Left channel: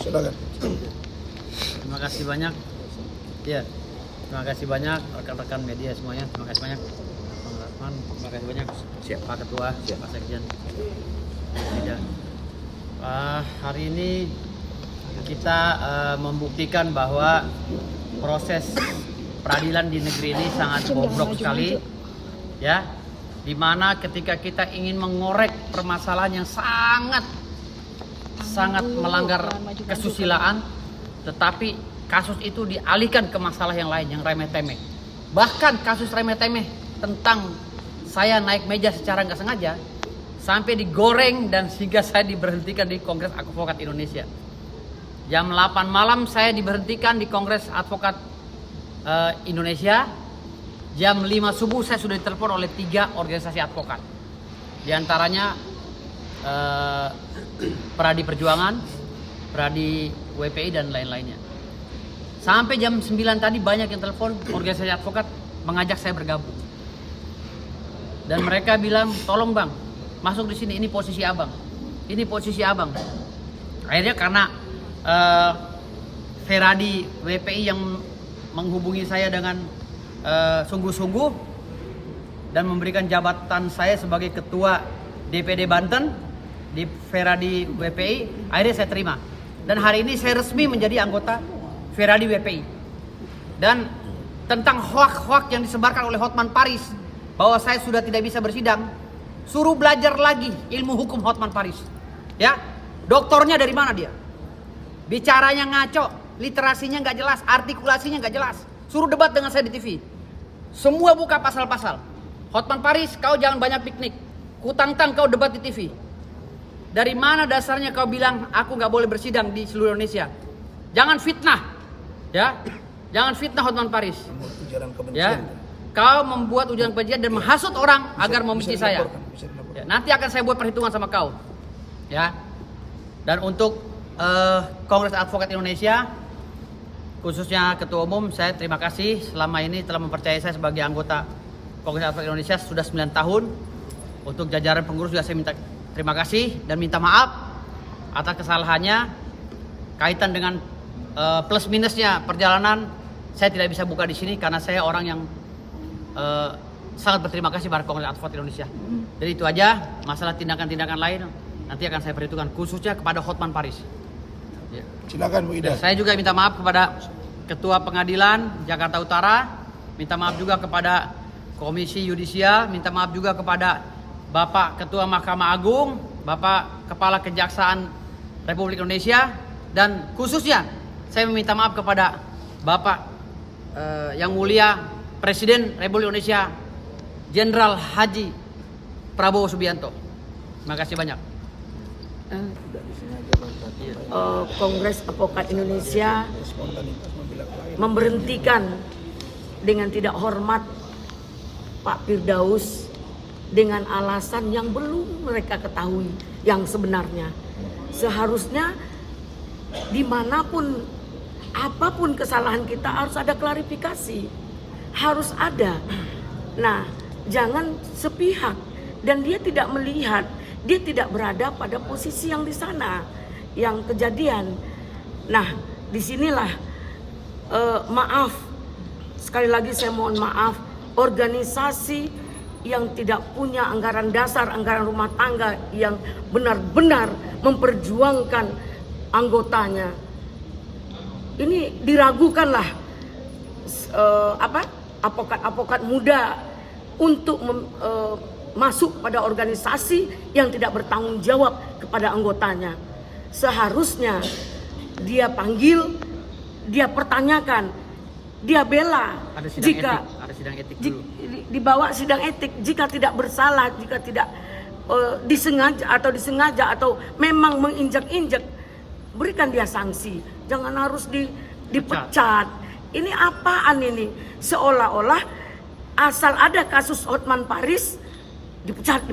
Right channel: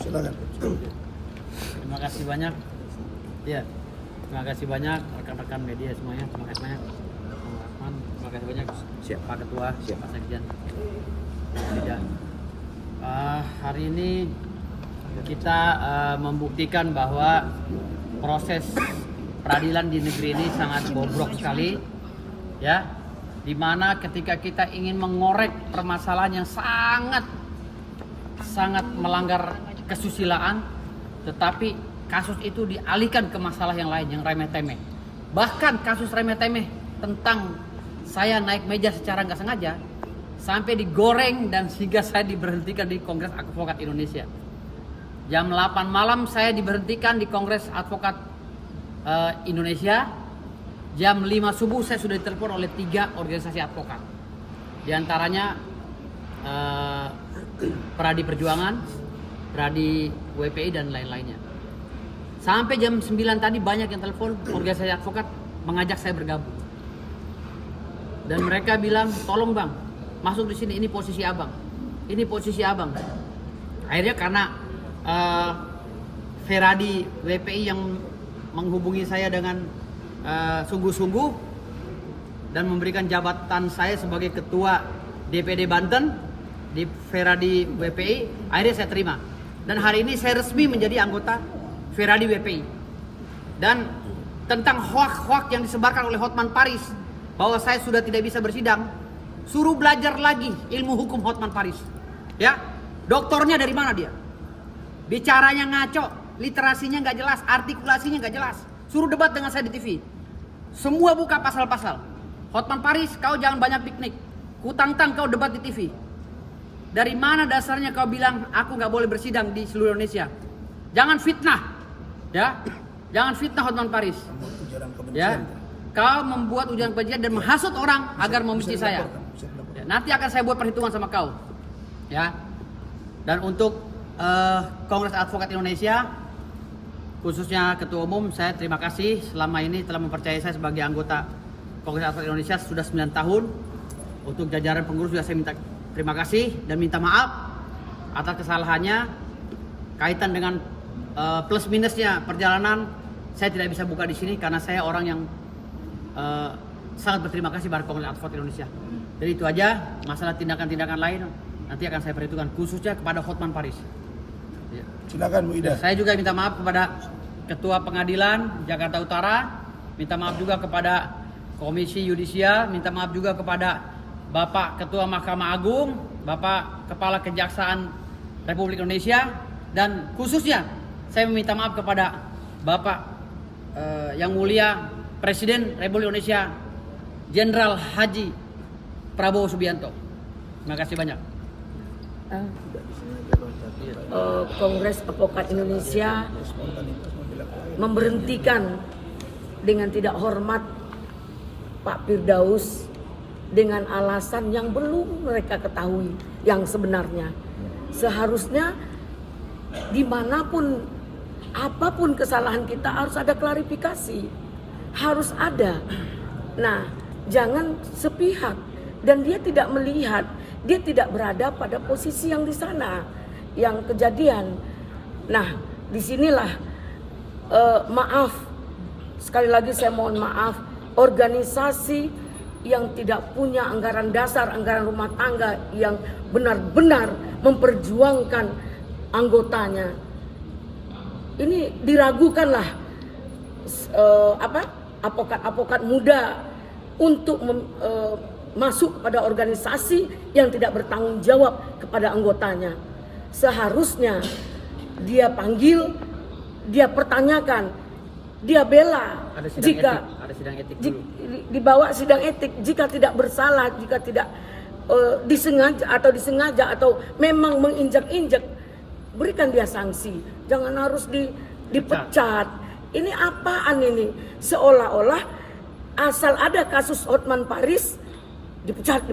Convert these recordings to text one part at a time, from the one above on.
Silakan. Terima kasih banyak. Ya, terima kasih banyak rekan-rekan media semuanya. Terima kasih banyak. Bang Rahman, terima kasih banyak. Siap Pak Ketua, siap Pak Sekjen. Tidak. Hari ini kita membuktikan bahwa proses peradilan di negeri ini sangat bobrok sekali, ya. Dimana ketika kita ingin mengorek permasalahan yang sangat melanggar kesusilaan, tetapi kasus itu dialihkan ke masalah yang lain, yang remeh-temeh. Bahkan kasus remeh-temeh tentang saya naik meja secara nggak sengaja sampai digoreng dan sehingga saya diberhentikan di Kongres Advokat Indonesia. Jam 8 malam saya diberhentikan di Kongres Advokat Indonesia. Jam 5 subuh saya sudah ditelepon oleh 3 organisasi advokat. Di antaranya Peradi Perjuangan, Peradi WPI dan lain-lainnya. Sampai jam 9 tadi banyak yang telepon organisasi advokat mengajak saya bergabung. Dan mereka bilang, "Tolong Bang, masuk di sini, ini posisi Abang. Ini posisi Abang." Akhirnya karena Peradi WPI yang menghubungi saya dengan sungguh-sungguh dan memberikan jabatan saya sebagai ketua DPD Banten di Peradi WPI, akhirnya saya terima. Dan hari ini saya resmi menjadi anggota Peradi WPI. Dan tentang hoak-hoak yang disebarkan oleh Hotman Paris bahwa saya sudah tidak bisa bersidang, suruh belajar lagi ilmu hukum Hotman Paris. Ya, doktornya dari mana dia? Bicaranya ngaco, literasinya nggak jelas, artikulasinya nggak jelas. Suruh debat dengan saya di TV. Semua buka pasal-pasal. Hotman Paris, kau jangan banyak piknik. Kutantang kau debat di TV. Dari mana dasarnya kau bilang aku nggak boleh bersidang di seluruh Indonesia? Jangan fitnah, ya. Jangan fitnah Hotman Paris. Ya. Kau membuat ujaran kebencian dan menghasut orang agar membenci saya. Ya, nanti akan saya buat perhitungan sama kau. Ya. Dan untuk Kongres Advokat Indonesia, khususnya Ketua Umum, saya terima kasih selama ini telah mempercayai saya sebagai anggota Kongres Advokat Indonesia sudah 9 tahun. Untuk jajaran pengurus juga saya minta terima kasih dan minta maaf atas kesalahannya kaitan dengan plus minusnya perjalanan. Saya tidak bisa buka di sini karena saya orang yang sangat berterima kasih pada Kongres Advokat Indonesia. Jadi itu aja, masalah tindakan-tindakan lain nanti akan saya perhitungkan khususnya kepada Hotman Paris. Ya. Silakan Bu Ida. Saya juga minta maaf kepada Ketua Pengadilan Jakarta Utara, minta maaf juga kepada Komisi Yudisial, minta maaf juga kepada Bapak Ketua Mahkamah Agung, Bapak Kepala Kejaksaan Republik Indonesia, dan khususnya saya meminta maaf kepada Bapak Yang Mulia Presiden Republik Indonesia Jenderal Haji Prabowo Subianto. Terima kasih banyak. Kongres Advokat Indonesia memberhentikan dengan tidak hormat Pak Firdaus dengan alasan yang belum mereka ketahui yang sebenarnya. Seharusnya dimanapun apapun kesalahan kita harus ada klarifikasi, harus ada. Nah, jangan sepihak, dan dia tidak melihat, dia tidak berada pada posisi yang di sana, yang kejadian. Nah, disinilah maaf, sekali lagi saya mohon maaf, organisasi yang tidak punya anggaran dasar, anggaran rumah tangga yang benar-benar memperjuangkan anggotanya, ini diragukanlah advokat-advokat muda untuk masuk pada organisasi yang tidak bertanggung jawab kepada anggotanya. Seharusnya dia panggil, dia pertanyakan, dia bela. Jika ada sidang etik dulu. Dibawa sidang etik, jika tidak bersalah, jika tidak disengaja atau memang menginjak-injak, berikan dia sanksi. Jangan harus dipecat. Ini apaan ini? Seolah-olah asal ada kasus Hotman Paris dipecat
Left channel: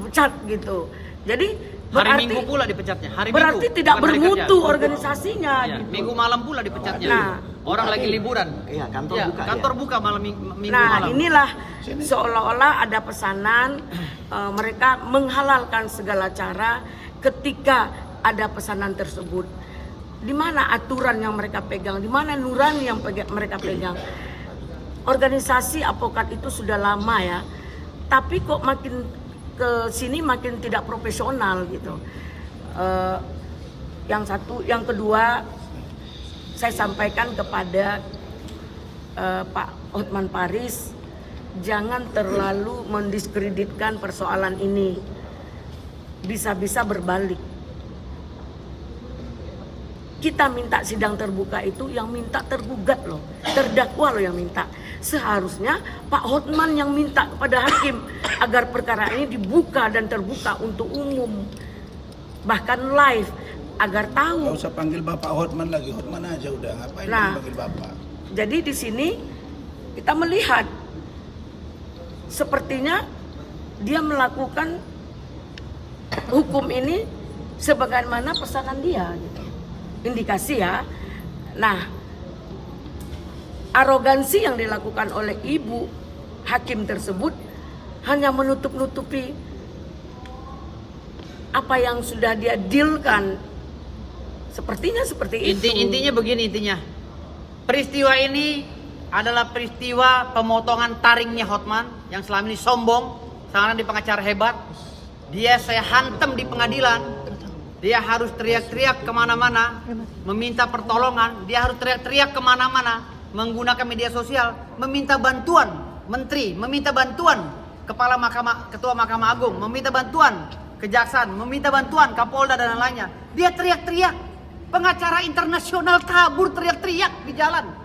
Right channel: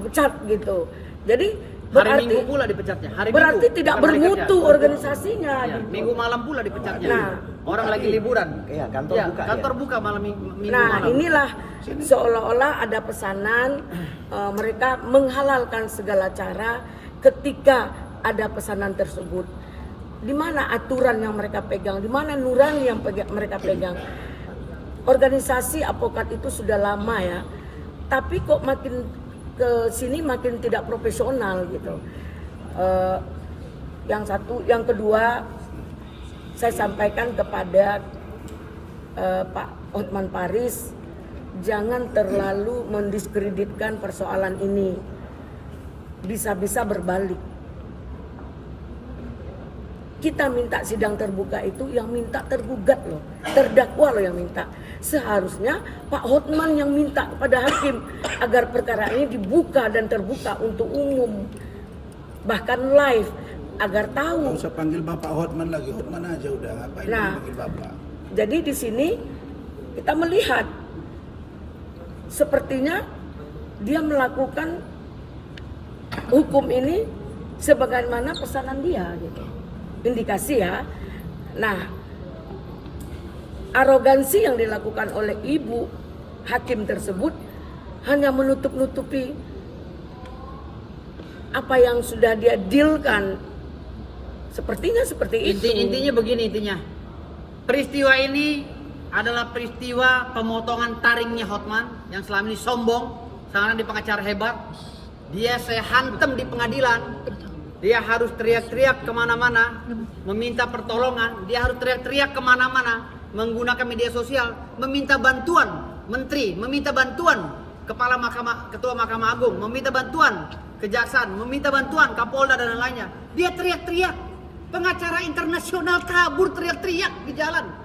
gitu. Jadi Hari Minggu pula dipecatnya. Berarti tidak bermutu organisasinya. Ya, gitu. Minggu malam pula dipecatnya. Nah, orang lagi liburan. Iya, kantor buka. Kantor buka malam minggu nah, malam. inilah seolah-olah ada pesanan mereka menghalalkan segala cara ketika ada pesanan tersebut. Di mana aturan yang mereka pegang? Di mana nurani yang mereka pegang? Organisasi advokat itu sudah lama ya, tapi kok makin ke sini makin tidak profesional gitu. Yang kedua, saya sampaikan kepada Pak Hotman Paris, jangan terlalu mendiskreditkan persoalan ini. Bisa-bisa berbalik. Kita minta sidang terbuka itu yang minta tergugat loh, terdakwa loh yang minta. Seharusnya Pak Hotman yang minta kepada hakim agar perkara ini dibuka dan terbuka untuk umum, bahkan live, agar tahu. Gak usah panggil Bapak Hotman lagi, Hotman aja udah, ngapain panggil Bapak. Jadi di sini kita melihat sepertinya dia melakukan hukum ini sebagaimana pesanan dia gitu. Indikasi ya. Nah, arogansi yang dilakukan oleh ibu hakim tersebut hanya menutup-nutupi apa yang sudah dia dealkan. Sepertinya seperti itu. Intinya begini, peristiwa ini adalah peristiwa pemotongan taringnya Hotman yang selama ini sombong, sekarang di pengacara hebat. Dia saya hantam di pengadilan. Dia harus teriak-teriak kemana-mana, meminta pertolongan. Dia harus teriak-teriak kemana-mana, menggunakan media sosial, meminta bantuan menteri, meminta bantuan ketua Mahkamah Agung, meminta bantuan kejaksaan, meminta bantuan Kapolda dan lainnya. Dia teriak-teriak. Pengacara internasional kabur teriak-teriak di jalan.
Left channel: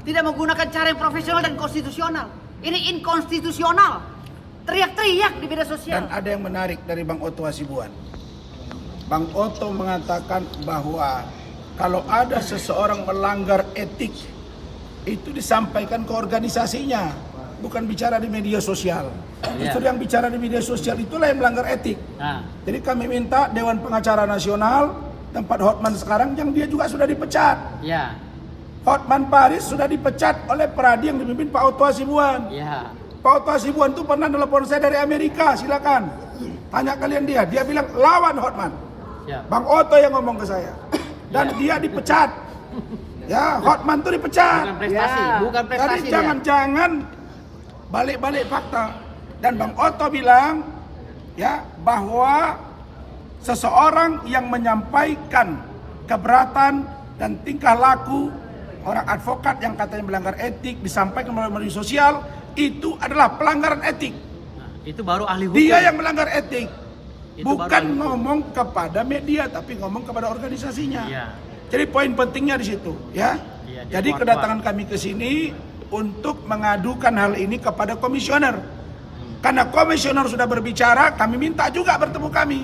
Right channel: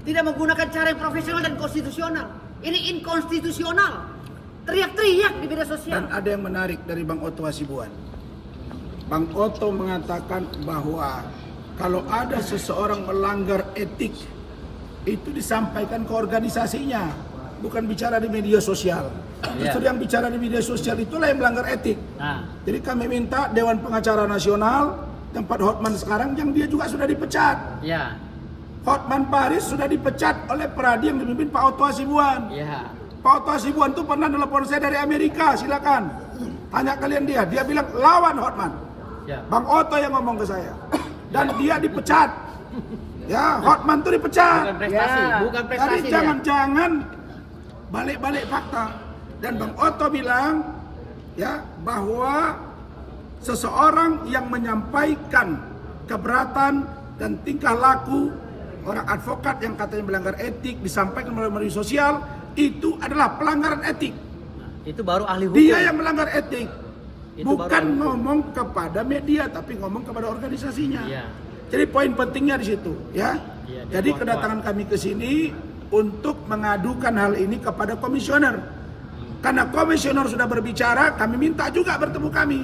Tidak menggunakan cara yang profesional dan konstitusional. Ini inkonstitusional. Teriak-teriak di media sosial. Dan ada yang menarik dari Bang Otto Hasibuan. Bang Otto mengatakan bahwa kalau ada seseorang melanggar etik, itu disampaikan ke organisasinya, bukan bicara di media sosial. Justru yang bicara di media sosial itulah yang melanggar etik. Jadi kami minta Dewan Pengacara Nasional, tempat Hotman sekarang, yang dia juga sudah dipecat. Hotman Paris sudah dipecat oleh Peradi yang dipimpin Pak Otto Hasibuan. Pak Otto Hasibuan itu pernah telepon saya dari Amerika, silakan tanya kalian dia. Dia bilang lawan Hotman. Bang Otto yang ngomong ke saya. Dan dia dipecat. Ya, Hotman itu dipecat. Bukan prestasi. Jadi jangan-jangan balik-balik fakta. Dan Bang Otto bilang ya bahwa seseorang yang menyampaikan keberatan dan tingkah laku orang advokat yang katanya melanggar etik disampaikan melalui media sosial, itu adalah pelanggaran etik. Itu baru ahli hukum. Dia yang melanggar etik. Itu bukan ngomong kepada media, tapi ngomong kepada organisasinya. Jadi poin pentingnya di situ, ya. Jadi kedatangan kami ke sini untuk mengadukan hal ini kepada komisioner. Karena komisioner sudah berbicara, kami minta juga bertemu kami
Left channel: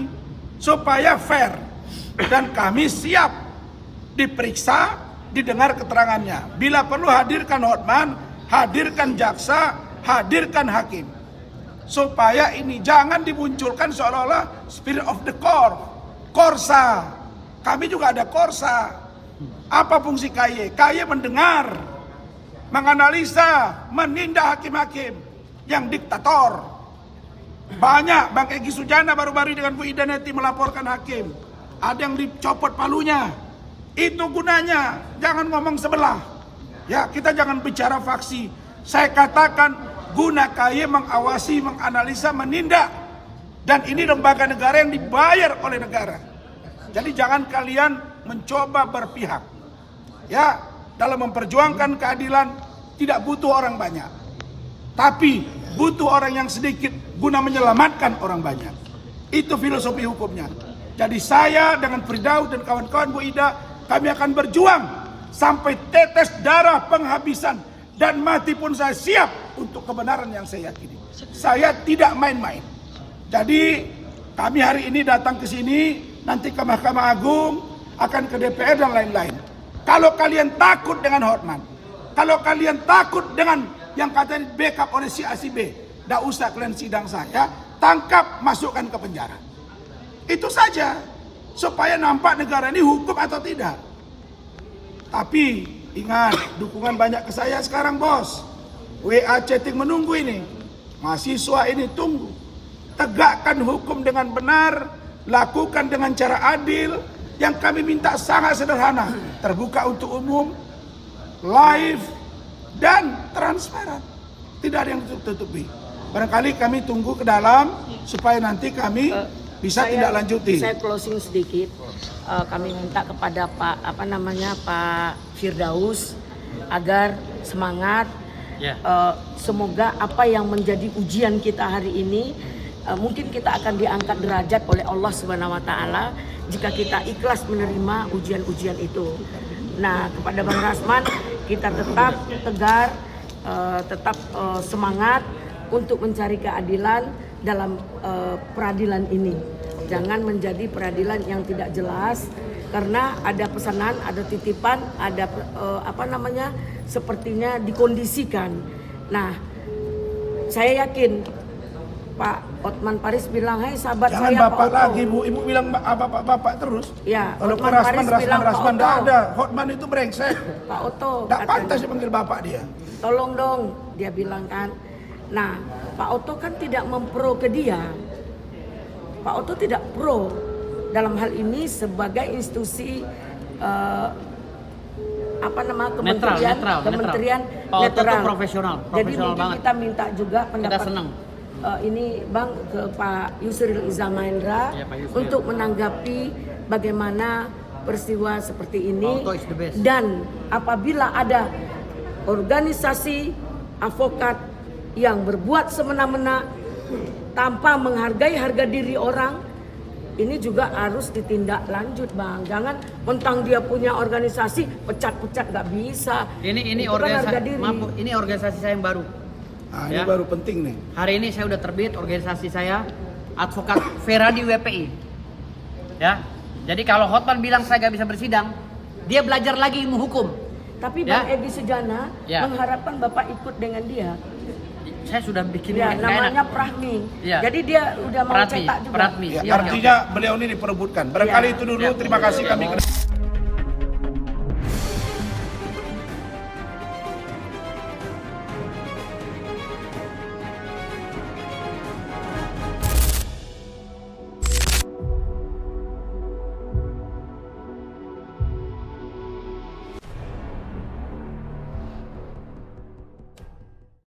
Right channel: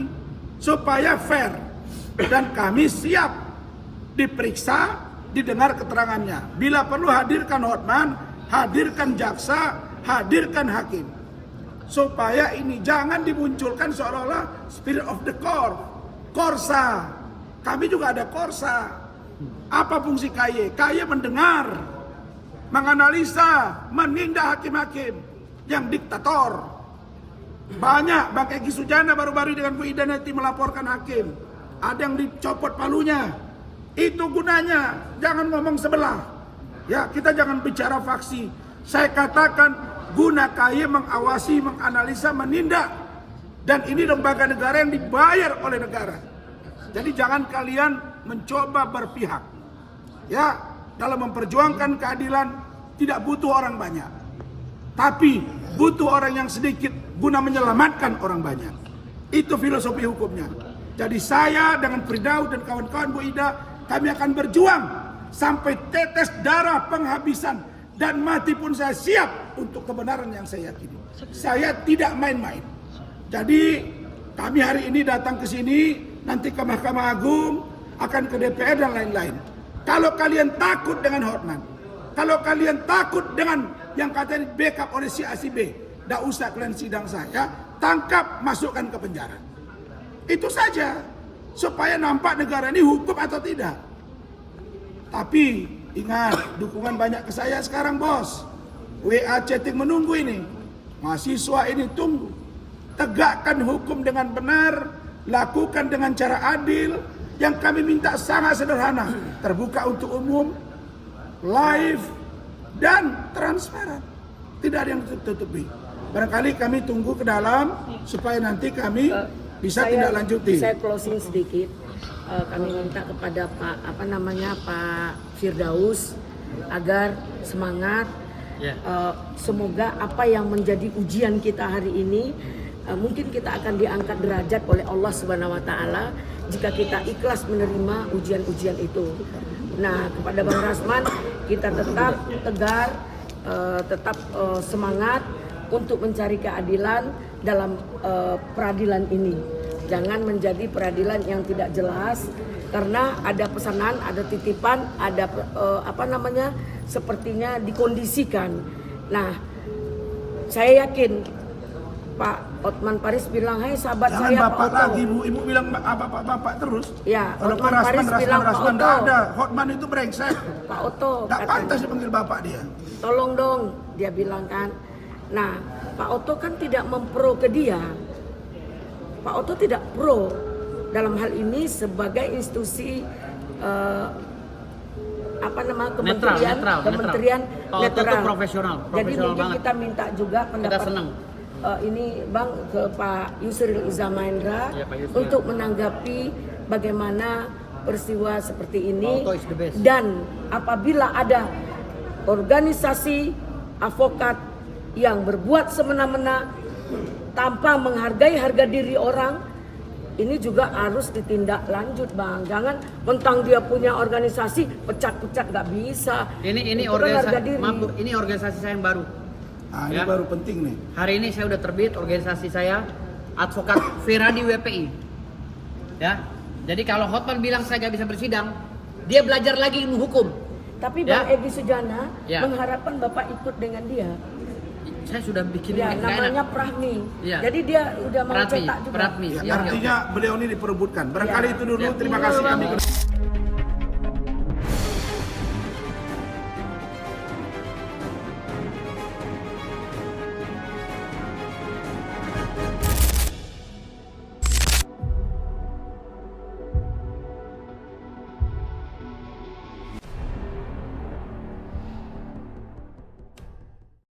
supaya fair, dan kami siap diperiksa, didengar keterangannya. Bila perlu hadirkan Hotman, hadirkan jaksa, hadirkan hakim. Supaya ini jangan dimunculkan seolah-olah spirit of the court, korsa. Kami juga ada korsa. Apa fungsi KY? KY mendengar, menganalisa, menindak hakim-hakim yang diktator. Banyak, Bang Egy Sujana baru-baru dengan Bu Ida Neti melaporkan hakim. Ada yang dicopot palunya. Itu gunanya, jangan ngomong sebelah. Ya, kita jangan bicara faksi. Saya katakan guna KY mengawasi, menganalisa, menindak. Dan ini lembaga negara yang dibayar oleh negara. Jadi jangan kalian mencoba berpihak. Ya, dalam memperjuangkan keadilan tidak butuh orang banyak. Tapi butuh orang yang sedikit guna menyelamatkan orang banyak. Itu filosofi hukumnya. Jadi saya dengan Firdaus dan kawan-kawan Bu Ida, kami akan berjuang sampai tetes darah penghabisan. Dan mati pun saya siap untuk kebenaran yang saya yakini. Saya tidak main-main. Jadi kami hari ini datang ke sini, nanti ke Mahkamah Agung, akan ke DPR dan lain-lain. Kalau kalian takut dengan Hotman, kalau kalian takut dengan yang katanya backup oleh si A si B, tidak usah kalian sidang saya, tangkap, masukkan ke penjara. Itu saja, supaya nampak negara ini hukum atau tidak. Tapi ingat, dukungan banyak ke saya sekarang, bos. WA chatting menunggu ini. Mahasiswa ini tunggu. Tegakkan hukum dengan benar, lakukan dengan cara adil, Yang kami minta sangat sederhana, terbuka untuk umum, live, dan transparan. Tidak ada yang ditutupi. Barangkali kami tunggu ke dalam supaya nanti kami bisa tindak lanjuti. Saya closing sedikit. Kami minta kepada Pak Firdaus agar semangat. Semoga apa yang menjadi ujian kita hari ini, mungkin kita akan diangkat derajat oleh Allah Subhanahu wa taala jika kita ikhlas menerima ujian-ujian itu. Nah, kepada Bang Rasman, kita tetap tegar, tetap semangat untuk mencari keadilan dalam peradilan ini. Jangan menjadi peradilan yang tidak jelas, karena ada pesanan, ada titipan, ada sepertinya dikondisikan. Nah, saya yakin Pak Hotman Paris bilang, "Hai sahabat Jangan saya bapak Pak Otto." lagi Bu, ibu bilang bapak terus. Ya, Kalau Hotman Paris bilang Pak Rasman Otto. ada. Hotman itu brengsek. Pak Otto Tidak katanya, pantas dipanggil bapak dia. "Tolong dong," dia bilang kan. Nah, Pak Otto kan tidak mempro ke dia. Pak Otto tidak pro dalam hal ini sebagai institusi kementerian Pak Otto netral. tuh profesional Jadi mungkin banget. kita minta juga pendapat. Kita senang. Ini Bang ke Pak Yusril Iza Mahendra Ya, Pak Yusril. untuk menanggapi bagaimana peristiwa seperti ini. Pak Otto is the best. Dan apabila ada organisasi advokat yang berbuat semena-mena tanpa menghargai harga diri orang, ini juga harus ditindak lanjut, Bang. Jangan mentang dia punya organisasi pecat-pecat, nggak bisa. Ini Itu kan harga diri. ini organisasi saya yang baru. Nah, ini baru penting nih. Hari ini saya udah terbit organisasi saya, Advokat Feradi WPI. Ya. Jadi kalau Hotman bilang saya gak bisa bersidang, dia belajar lagi ilmu hukum. Tapi Ya. Bang Egy Sujana mengharapkan Bapak ikut dengan dia. Saya sudah bikin Ya, nggak namanya enak. Prahmi. Ya. Jadi dia udah mau Pratmi, cetak juga. Pratmi. Ya, Iya, artinya beliau ini diperebutkan. Barangkali Ya. itu dulu. Ya. Terima kasih kami.